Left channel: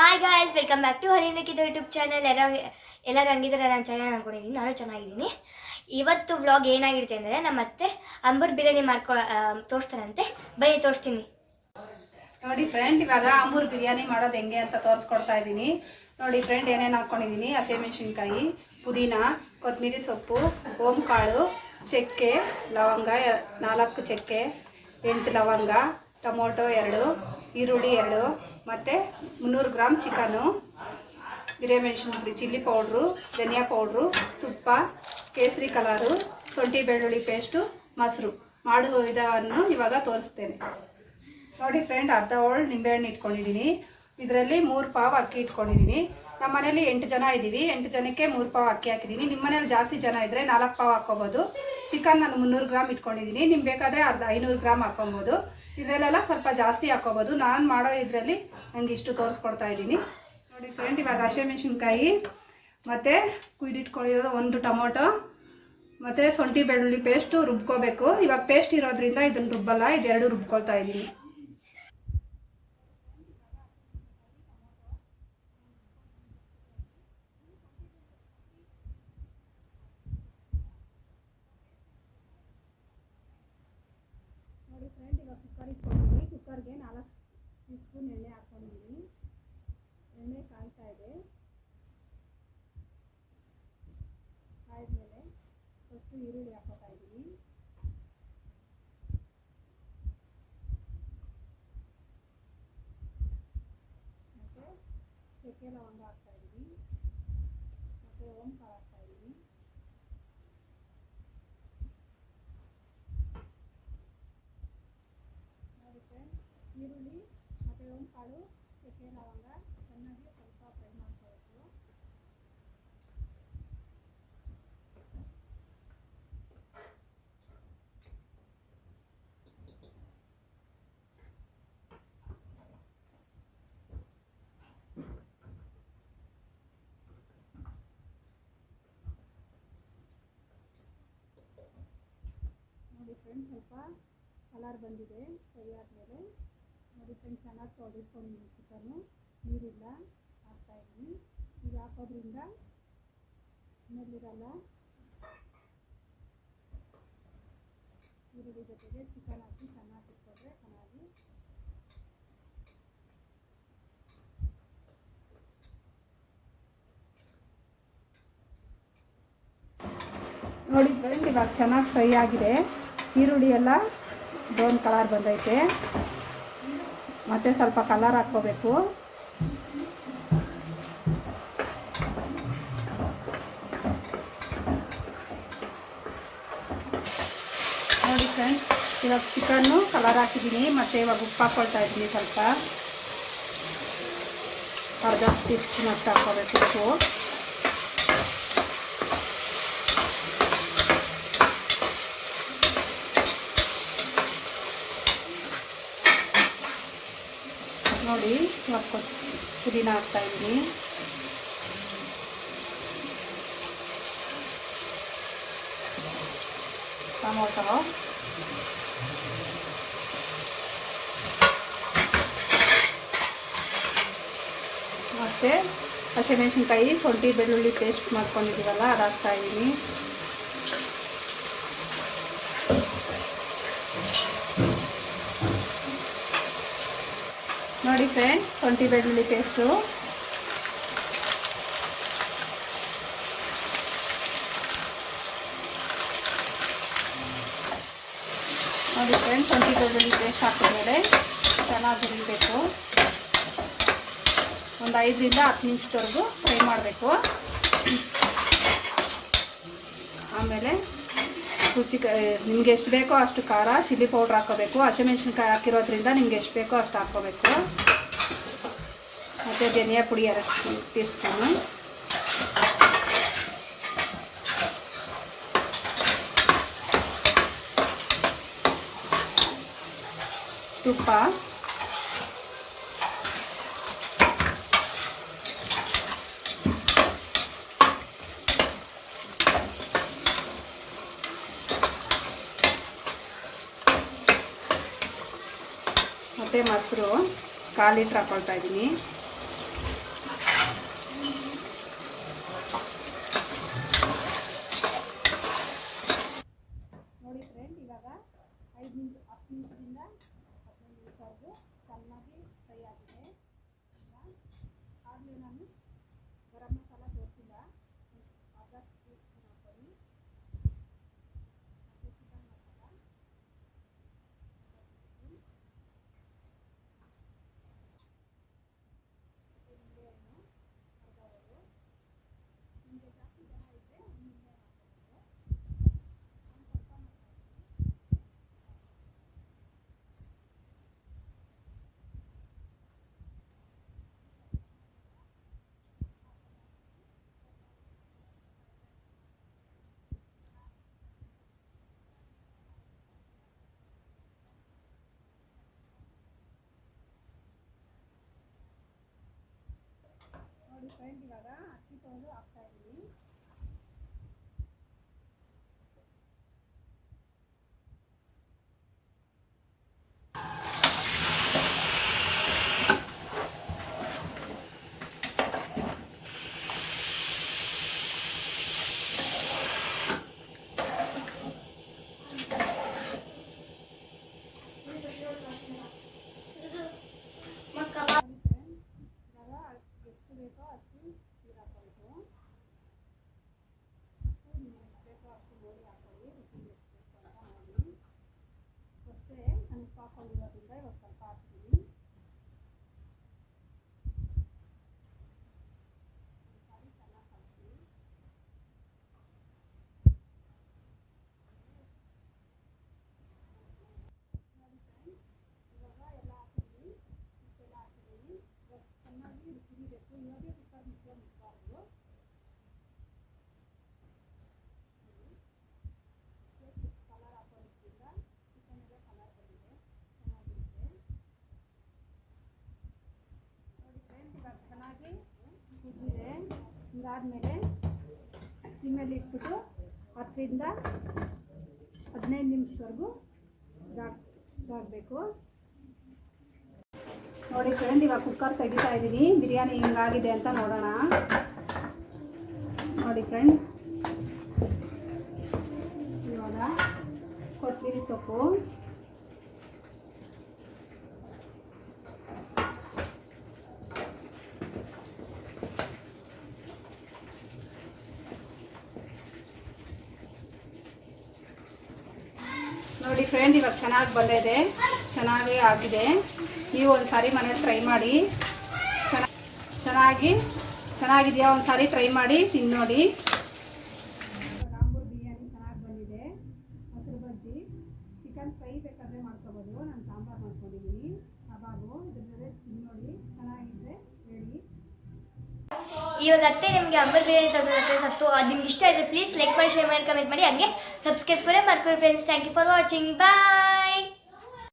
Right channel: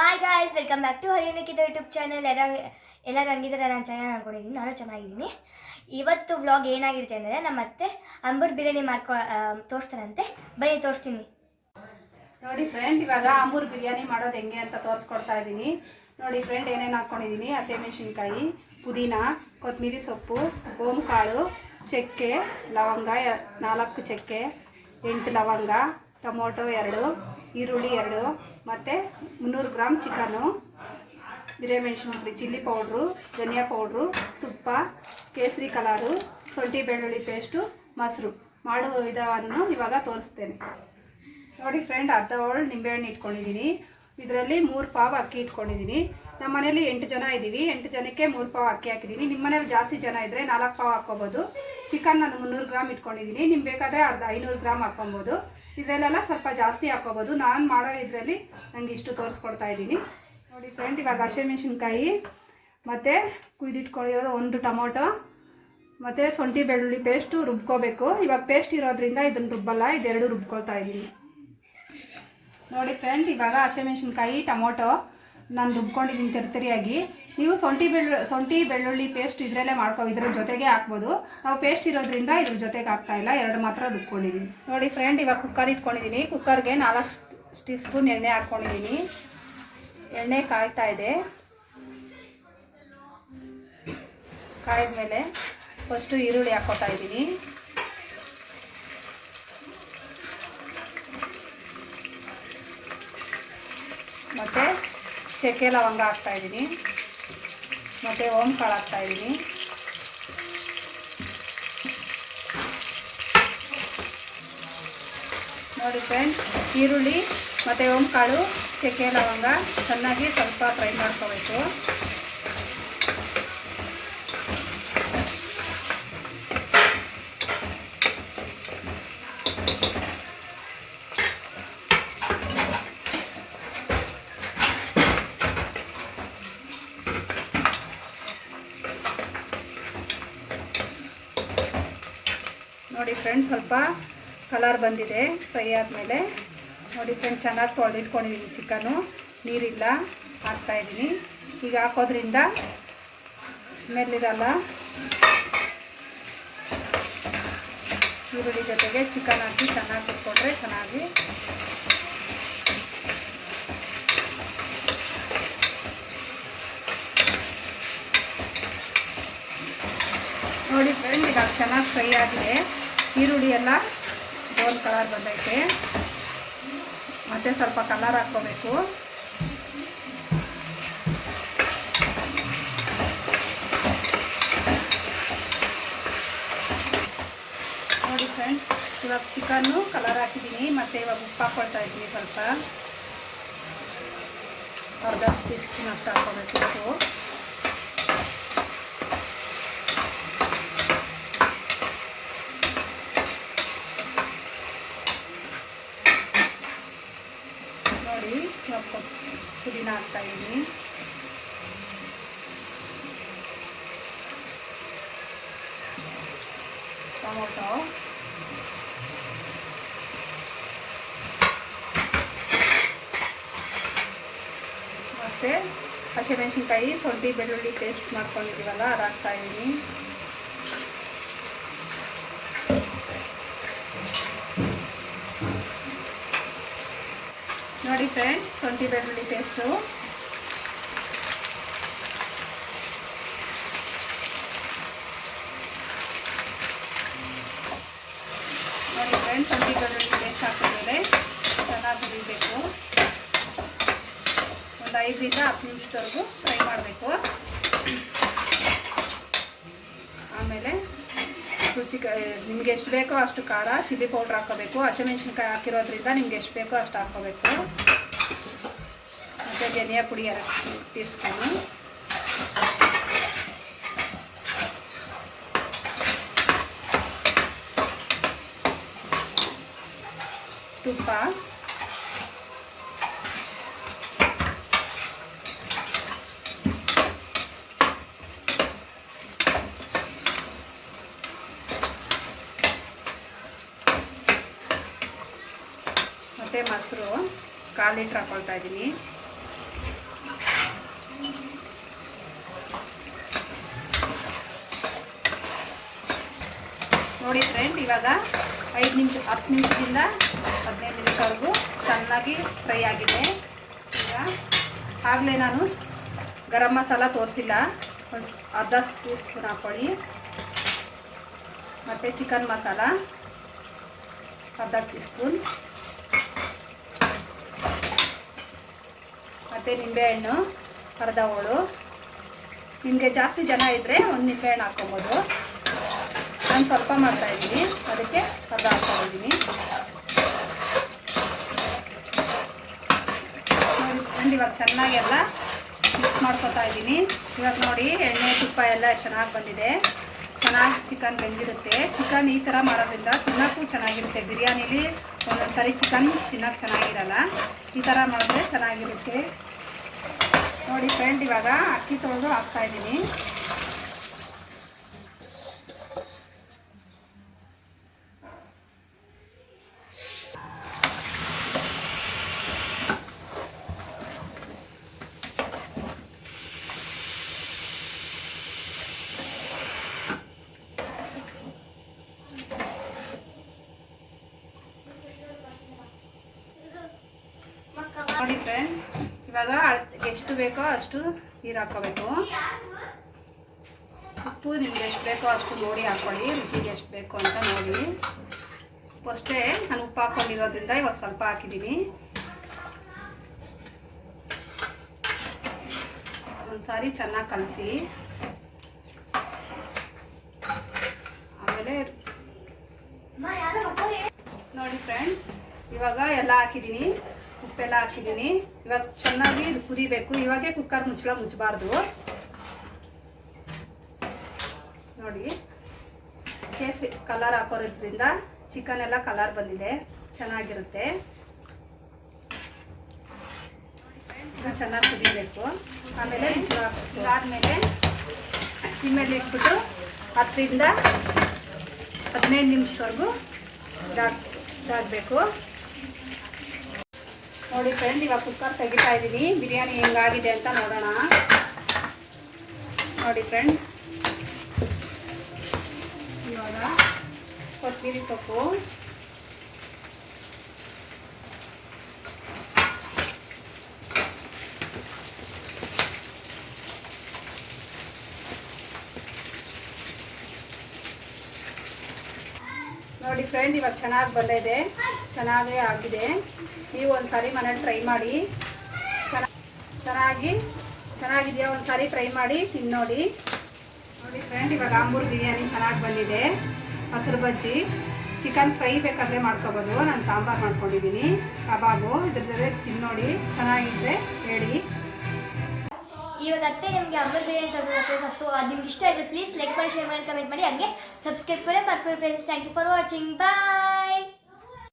Hi guys welcome back to ಹರಿಯನಕ್ಕಿದ YouTube channel ಎಲ್ಲ ಎಲ್ಲರೂ ಹಂಗಿದ್ದಾರೆ? ನಾನು ಚೆನ್ನಾಗಿ ಅನ್ಕೊಂಡಿದ್ದೀನಿ. ನಾನು ಚೆನ್ನಾಗಿದ್ದೀನಿ. ಇವತ್ತು ವ್ಲಾಗ್ ಏನಾಗಿರುತ್ತೆ ಅಂದರೆ ನಮ್ಮ ಅತ್ತೆ ಅಂಬರ್ ಬಿರಿಯಾನಿ ಮಾಡ್ಕೊ ತೋರಿಸ್ತಾರಂತೆ ಬನ್ನಿ, ತೋರಿಸ್ತೀನಿ. ನೋಡಿ ಫ್ರೆಂಡ್ ಇವಾಗ ಅಂಬೂರ್ ಬಿರಿಯಾನಿ ಮಾಡೋದು ಹೆಂಗೆ ಅಂತ ತೋರಿಸ್ಕೊಡ್ತಾ ಇದ್ದೀನಿ. ನೋಡಿ ಫ್ರೆಂಡ್ ಏನೇನು ಹಾಕ್ಕೊಂಡಿದ್ದೀನಿ ಹಸಿಮೆಣಸಿನ್ಕಾಯಿ ಪುದೀನ ಕೊತ್ತಂಬರಿ ಸೊಪ್ಪು, ಓಂಕಾಳು, ಚಕ್ಕೆ, ಲವಂಗ ನಾಲ್ಕು ಚಕ್ಕೆ, ಎಂಟು ಲವಂಗ, ಟೊಮೊಟೊ ಎರಡು, ಈರುಳ್ಳಿ ಎರಡು ಮತ್ತು ಮುನ್ನೂರು ಗ್ರಾಮ್ ಚಿಕನು ಹಿರೇಮೆಣಸಿನ ಪುಡಿ, ಚಿಲ್ಲಿ ಪೌಡ್ರು, ಧನಿಯಾ ಪೌಡ್ರು, ತುಪ್ಪ, ಕೇಸರಿ ಕಲರು ಶುಂಠಿ ಬೆಳ್ಳುಳ್ಳಿ ಪೇಸ್ಟು, ಮೊಸರು. ಮಾಡುವ ವಿಧಾನವನ್ನು ಇವಾಗ ತೋರಿಸ್ತೇನೆ. ನೋಡಿ ಫ್ರೆಂಡ್ ಅರ್ಧ ಹೋಳು ನಿಂಬೆಹಣ್ಣು ಇಟ್ಕೊಂಡಿದ್ದೀನಿ. ಇದರಲ್ಲಿ ಮೂರು ಪಾವ್ ಅಕ್ಕಿ ಇಟ್ಕೊಂಡಿದ್ದೀನಿ. ನಮ್ಮ ಮನೇಲಿ ಎಂಟು ಜನ ಇದ್ದೀವಿ ಎಂಟು ಜನಕ್ಕೆ ಮೂರು ಪಾವ್ ಅಕ್ಕಿ ಹಾಕಿದ್ದೀನಿ ನಿಮ್ಮ ಮನೇಲಿ ಜಾಸ್ತಿ ಜನ ಇದ್ದರೆ ನಾಲ್ಕು ಪಾವ್ ಹಾಕ್ಕೋಬೋದು. ಚಿಕನ್ ನಾನು ಮುನ್ನೂರು ಗ್ರಾಮ್ ಇಟ್ಕೊಂಡಿದ್ದೀನಿ. ನಿಮ್ಗೆ ಬೇಕಾದರೆ ಅರ್ಧ ಐನೂರು ಗ್ರಾಮ್ ಹಾಕ್ಕೊಬೋದು. ಇದರಲ್ಲೆಲ್ಲ ಸ್ವಲ್ಪ ಜಾಸ್ತಿ ಹಾಕೋಬೋದು. ನಾನು ಮಾಡೋ ಇದರಲ್ಲಿ ನಂಗೆ ಇಷ್ಟು ತೋರಿಸ್ಕೊಡ್ತಾ ಇದ್ದೀನಿ. ನೋಡಿ ಫ್ರೆಂಡ್ ಇವಾಗ ಹಸಿಮೆಣಸಿನ್ಕಾಯಿ ಮತ್ತು ಕುಯ್ದಿಟ್ಕೊಂಡಿರೋದು ಒಂದು ಟೊಮೊಟೊ, ಮತ್ತು ಶುಂಠಿ ಬೆಳ್ಳುಳ್ಳಿ ಪೇಸ್ಟು ರುಬ್ಕೋಬೇಕು. ಇವಾಗ ಪೇಸ್ಟ್ ಇರೋದ್ರಿಂದ ಇದನ್ನು ರುಬ್ಬಲ್ಲ, ಇದೆರಡು ರುಬ್ಕೊಳ್ತಾ ಇದ್ದೀನಿ. ನೋಡಿ ಫ್ರೆಂಡ್ ಇವಾಗ ಹಸಿಮೆಣಸಿನ್ಕಾಯಿ ಟೊಮೊಟೊ ನಾನು ರುಬ್ಕೊಂಡಿದ್ದೀನಿ ತರ್ತರಿಯಾಗಿ. ನೀವು ಸೊಂಟಿ ಬೆಳ್ಳು, ಸೊಂಟಿ ಬೆಳ್ಳುಳ್ಳಿ ಪೇಸ್ಟ್ ಇದರಲ್ಲೇ ಮಾಡ್ಕೋ, ಇದ್ರ ಜೊತೆಗೆ ಹಾಕ್ಬೋದು. ನಾವು ಪೇಸ್ಟ್ ಇರೋದ್ರಿಂದ ಇದ್ರ ಜೊತೆಗೆ ಹಾಕ್ತಾ ಇಲ್ಲ, ಎರಡು ಮಾತ್ರ ರುಬ್ಕೊಂಡಿದ್ದೀನಿ ನೋಡಿ ಫ್ರೆಂಡ್ ಇವಾಗ ಕುಕ್ಕರ್ ಇಟ್ಕೊಂಡಿದ್ದೀನಿ ಕುಕ್ಕರ್ಗೆ ನಾಲ್ಕು ಟೀ ಸ್ಪೂನ್ ಎಣ್ಣೆ ಹಾಕ್ಕೊಂಡಿದ್ದೀನಿ ಎಣ್ಣೆ ಕಾಯ್ತಾ ಇದೆ. ಕಾಯ್ದ ಮೇಲೆ ಫಸ್ಟು ಈರುಳ್ಳಿ ಹಾಕೋತಾ ಇದ್ದೀನಿ ಮತ್ತು ಚಕ್ಕೆ ಲವಂಗ ಹಾಕ್ತಾ ಇದ್ದೀನಿ. ಮತ್ತು ಓಮ್ ಕಾಳು ಹಾಕ್ತಾ ಇದ್ದೀನಿ. ನೋಡಿ ಫ್ರೆಂಡ್ ಈರುಳ್ಳಿ ಮತ್ತು ಓಮ್ ಕಾಳು ಚಕ್ಕೆ ಲವಂಗ, ಚೆನ್ನಾಗಿ ಸ್ವಲ್ಪ ಫ್ರೈ ಮಾಡ್ಕೋಬೇಕು. ನೋಡಿ ಫ್ರೆಂಡ್ ಸ್ವಲ್ಪ ಕಲರ್ ಬಂದಿದೆ ಫ್ರೈ ಆದಮೇಲೆ. ನೋಡಿ ಫ್ರೆಂಡ್ ಚೆನ್ನಾಗಿ ತೊಳೆದಿಟ್ಕೊಂಡಿದ್ದೀನಿ ಚಿಕನು. ನೀರಿಲ್ಲ ಹಾಕ್ತಾಯಿದ್ದೀನಿ ಈಗ ಹಾಕೋದ್ರಿಂದ ಸ್ಮೆಲ್ ಇರಲ್ಲ. ಈರುಳ್ಳಿ ಜೊತೆಗೆ ಚಿಕನ್ ಹಾಕಿ ಚೆನ್ನಾಗಿ ಕುಟ್ಕೊಂಡ್ರೆ ಚೆನ್ನಾಗಿ ನೋಡಿ ಫ್ರೆಂಡ್ ಈಗ ಚೆನ್ನಾಗಿ ಫ್ರೈ ಆಗಿದೆ. ಈರುಳ್ಳಿ ಎಲ್ಲ ಬೋನ್ ಕಲರ್ ಬಂದೈತೆ. ಮತ್ತೆ ಸ್ವಲ್ಪ ಕಲರ್ ಹಾಕ್ಕೋಬೇಕು. ನೋಡಿ ಫ್ರೆಂಡ್ಸ್ ಇವಾಗ ಚಿಕನ್ನು ಕಲರ್ ಹಾಕಿದ್ದೀನಿ. ಮತ್ತು ಇವಾಗ ಉಪ್ಪು ಹಾಕ್ಕೊಳ್ತಾ ಇದ್ದೀನಿ ಸ್ವಲ್ಪ. ಅರ್ಧ ಟೀ ಸ್ಪೂನ್ ಅಷ್ಟು ಹಾಕ್ಕೋಬೇಕು ಉಪ್ಪು. ನೋಡಿ ಇವಾಗ ಪುದೀನ ಹಾಕ್ತಾ ಇದ್ದೀನಿ. ಟೊಮೊಟೊ. ಮತ್ತು ಹಸಿಮೆಣಸಿನ್ಕಾಯಿ ಶುಂಠಿ ಬೆಳ್ಳುಳ್ಳಿ ಪೇಸ್ಟ್ ಮಾಡ್ಕೊಂಡಿದ್ದೀವಲ್ಲ ಅದು ಹಾಕ್ತಾ ನೋಡಿ ಫ್ರೆಂಡ್ ಶುಂಠಿ ಬೆಳ್ಳುಳ್ಳಿ ಪೇಸ್ಟು ನೋಡಿ ಫ್ರೆಂಡ್ ಶುಂಠಿ ಬೆಳ್ಳುಳ್ಳಿ ಪೇಸ್ಟ್ ಹಾಕಿದ್ಮೇಲೆ ಚೆನ್ನಾಗಿ ಹುರಿಬೇಕು ಒಂದು ಐದರಿಂದ ಹತ್ತು ನಿಮಿಷದವರೆಗೂ ಫ್ರೈ ಮಾಡಬೇಕು. ಆಮೇಲೆ ರುಚಿ ನಿಮ್ಗೆ ಎಷ್ಟು ಬೇಕೋ ಅಷ್ಟು ಖಾರ ಚಿಲ್ಲಿ ಪೌಡ್ರ್ ಹಾಕೋಬೇಕು ಹಸಿಮೆಣ್ಸಿನ್ಕಾಯಿ ಹಾಕಿರೋದ್ರಿಂದ ನಿಮ್ಗೆ ಎಷ್ಟು ಬೇಕೋ ಅಷ್ಟು ಹಾಕ್ಕೋಬೇಕು ಮತ್ತು ಧನಿಯಾ ಪುಡಿ ಎರಡು ಟೀ ಸ್ಪೂನು ತುಪ್ಪ ಮೊಸರು ಕಾಲು ಲೀಟ್ರ್ ಹಾಕೊಳ್ತಾ ಇದ್ದೀನಿ. ನೋಡಿ ಫ್ರೆಂಡ್ ಇವಾಗ ಐದು ನಿಮಿಷ, ಹತ್ತು ನಿಮಿಷದಿಂದ ಹದಿನೈದು ನಿಮಿಷವರೆಗೂ ಚೆನ್ನಾಗಿ ಫ್ರೈ ಆಗಿದೆ. ಈಗ ಆಗಲೇ ನಾನು ಗರಂ ಮಸಾಲ ತೋರಿಸಿಲ್ಲ. ಒಂದು ಅರ್ಧ ಟೀ ಸ್ಪೂನ್ ಹಾಕ್ಕೊಳ್ಳಿ ಮತ್ತು ಚಿಕನ್ ಮಸಾಲ, ಅರ್ಧ ಟೀ ಸ್ಪೂನ್ ಮತ್ತು ನಿಂಬೆಹಣ್ಣು ಅರ್ಧ ಹೋಳು ನಿಮಗೆ ಜಾಸ್ತಿ ಜನ ಇದ್ದರೆ ಒಂದು ನಿಂಬೆಹಣ್ಣು ಹಾಕ್ಕೊಬೋದು. ನಾನು ಸ್ವಲ್ಪ ಮಾಡ್ತಾಯಿದ್ದೀನಿ ಅದಕ್ಕೆ ಅರ್ಧ ಹಾಕ್ಕೊಂಡಿದ್ದೀನಿ ನೋಡಿ ಇವಾಗ ಚೆನ್ನಾಗಿ ಎಲ್ಲ ಮಿಕ್ಸ್ ಮಾಡ್ಕೊತಾ ಇದ್ದೀನಿ. ಇವಾಗ ನೋಡಿ, ಎಣ್ಣೆ, ತುಪ್ಪ ಎಲ್ಲ ಚೆನ್ನಾಗಿ ಬಂದಿದೆ. ಚೆನ್ನಾಗಿ ಚಿಕನ್ ಬೆಂದಿರುತ್ತೆ. ಚಿಕನ್ ಈ ಥರ ಮಾಡೋದ್ರಿಂದ ತಿನ್ನೋಕ್ಕೂ ಚೆನ್ನಾಗಿರುತ್ತೆ. ಬಿರಿಯಾನಿಲಿ ಒಂದೊಂದು ಸರಿ ಚಿಕನ್ ತಿನ್ನೋಕ್ಕೆ ಚೆನ್ನಾಗಿರಲ್ಲ. ಈ ಥರ ಮಾಡಿದ್ರೆ ಚೆನ್ನಾಗಿರುತ್ತೆ. ನೋಡಿ ಫ್ರೆಂಡ್ ಇವಾಗ ಅಕ್ಕಿ ತೊಳೆದು ಹಾಕ್ತಾ ಇದ್ದೀನಿ ನೋಡಿ ಫ್ರೆಂಡ್ ಇವಾಗ ಅಳ್- ಎಷ್ಟು ಬೇಕೋ ಅಷ್ಟು ನೀರು ಹಾಕೋಬೇಕು ಉಪ್ಪು ನಿಮ್ಗೆ ಎಷ್ಟು ಬೇಕೋ ಅಷ್ಟು ನೋಡಿ ಹಾಕ್ಕೊಳ್ಳಿ ರುಚಿಗೆ ಎಷ್ಟು ಬೇಕು ಅಂತ ನೋಡಿ. ಅಷ್ಟೇ ನಾನು ಉಪ್ಪು ಹಾಕ್ಕೊಂಡಿರೋದ್ರಿಂದ ಇವಾಗ ಸ್ವಲ್ಪ ಹಾಕಿದ್ದೀನಿ. ಒಂದು ಸಾರಿ ಚೆನ್ನಾಗಿ ಕಲಸಿ. ಆಮೇಲೆ ನೋಡಿ ಫ್ರೆಂಡ್, ಇವಾಗ ಎಲ್ಲ ಹಾಕಿದ್ದೀನಿ. ಉಪ್ಪೆಲ್ಲ ಹಾಕಿದ್ದೀನಿ. ಇವಾಗ ಚೆನ್ನಾಗಿ ಕುದಿಬೇಕು. ಇವಾಗೆ ಕುಕ್ಕರ್ ಮುಚ್ಚಳ ಮುಚ್ಚಬಾರ್ದು ನೋಡಿ, ಕೇಸರಿ ಕಲರ್ ಹಾಕೋರೋದ್ರಿಂದ ಚಿಕನ್ ಎಲ್ಲ ಕಲರ್ ಬಂದಿದೆ. ಚೆನ್ನಾಗಿರುತ್ತೆ. ಚೆನ್ನಾಗಿ ಕುದಿಬೇಕು. ಆಮೇಲೆ ಇದಾದಮೇಲೆ ಸಿಮ್ಮಲ್ಲಿ ಇಟ್ಬಿಟ್ಟು ಹತ್ತರಿಂದ ಹದಿನೈದು ನಿಮಿಷವರೆಗೂ ಇದಾಗ ಇದಾಗಬೇಕು. ನೋಡಿ ಫ್ರೆಂಡ್ ಇವಾಗ ಕುಕ್ಕರ್ ತೆಗಿತಾ ಇದ್ದೀನಿ ಬಿರಿಯಾನಿ ಹೆಂಗಾಗಿದೆ ಅಂತ ನೋಡೋಣ. ನೋಡಿ ಫ್ರೆಂಡ್ ಇವಾಗ ಕೊತ್ತಂಬರಿ ಸೊಪ್ಪು ನೋಡಿ ಫ್ರೆಂಡ್ ಇವಾಗ ಚೆನ್ನಾಗಿ ಬಂದಿದೆ. ಚೆನ್ನಾಗಿ ಆಗಿದೆ. ನೀವು ಒಂದು ಸಾರಿ ಮನೇಲಿ ಟ್ರೈ ಮಾಡಿ. ಚೆನ್ನ- ಚೆನ್ನಾಗಿ, ಚೆನ್ನಾಗಿದೆಯಾ ಒಂದು ಸಾರಿ ಟ್ರೈ ಮಾಡಿ ತಿಂದು ನೋಡಿ. ಫ್ರೆಂಡ್ ಇವಾಗ ಆಂಬೂರ್ ಬಿರಿಯಾನಿ ಚೆನ್ನಾಗಿ ಬಂದಿದೆ. ಹಸಿರು ಬಜ್ಜಿ ಚಿಕನ್ ಫ್ರೈ ಬೇಕಾದರೆ ಮಾಡ್ಕೋಬೋದು. ನಾನು ಸಾಂಬಾರು ಮಾಡ್ಕೊಂಡಿದ್ದೀನಿ ಕಬಾಬು, ಇದ್ರ ಜೊತೆ ತಿನ್ನೋಡಿ ನೋಡಿ. ಚೆನ್ನಾಗಿದ್ರೆ ಹೇಳಿ. ಇವಾಗ ಅತ್ತೆ ನಿಮಗೆ ಅಂಬರ್ ಬಿರಿಯಾನಿ ತೋರಿಸೋದು ಫ್ರೆಂಡ್ಸ್ ಹತ್ತು ಅದು ನಿಮ್ಗೆ ಇಷ್ಟ ಇದ್ರೆ ಪ್ಲೀಸ್ ಲೈಕ್ ಮಾಡಿ ಶೇರ್ ಮಾಡಿ ಕಮೆಂಟ್ ಮಾಡಿ. ಹಾಗೆ ಸಬ್ಸ್ಕ್ರೈಬ್ ಕೂಡ ಮಾಡ್ಕೊಳ್ಳಿ friends thank you for watching bye